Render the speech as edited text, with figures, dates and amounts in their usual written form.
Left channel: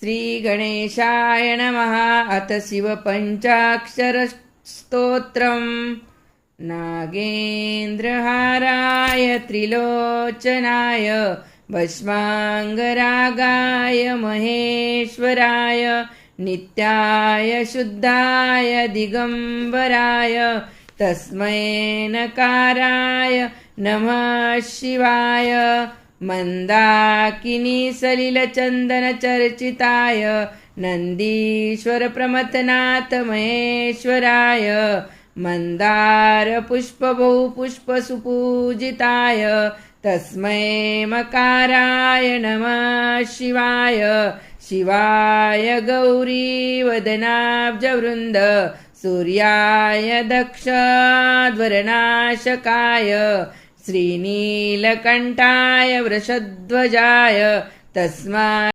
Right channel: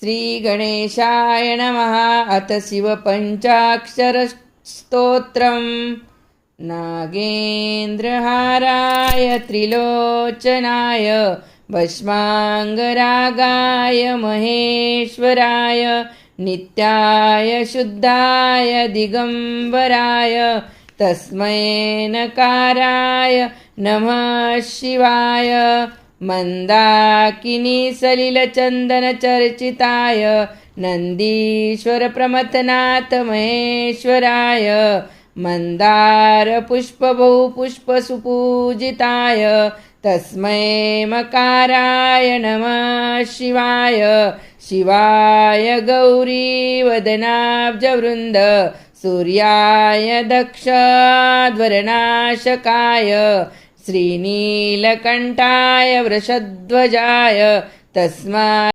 श्रीगणेशाय नमः। अथ शिवपञ्चाक्षरस्तोत्रम्। नागेन्द्रहाराय त्रिलोचनाय भस्माङ्गरागाय महेश्वराय नित्याय शुद्धाय दिगम्बराय तस्मै नकाराय नमः शिवाय। मन्दाकिनी सलिलचन्दनचर्चिताय नन्दीश्वर प्रमथनाथ महेश्वराय मन्दारपुष्पबहुपुष्पसुपूजिताय तस्मै मकाराय नमः शिवाय। शिवाय गौरीवदनाब्जवृन्द सूर्याय दक्षध्वरनाशकाय श्रीनीलकण्ठाय वृषध्वजाय तस्मै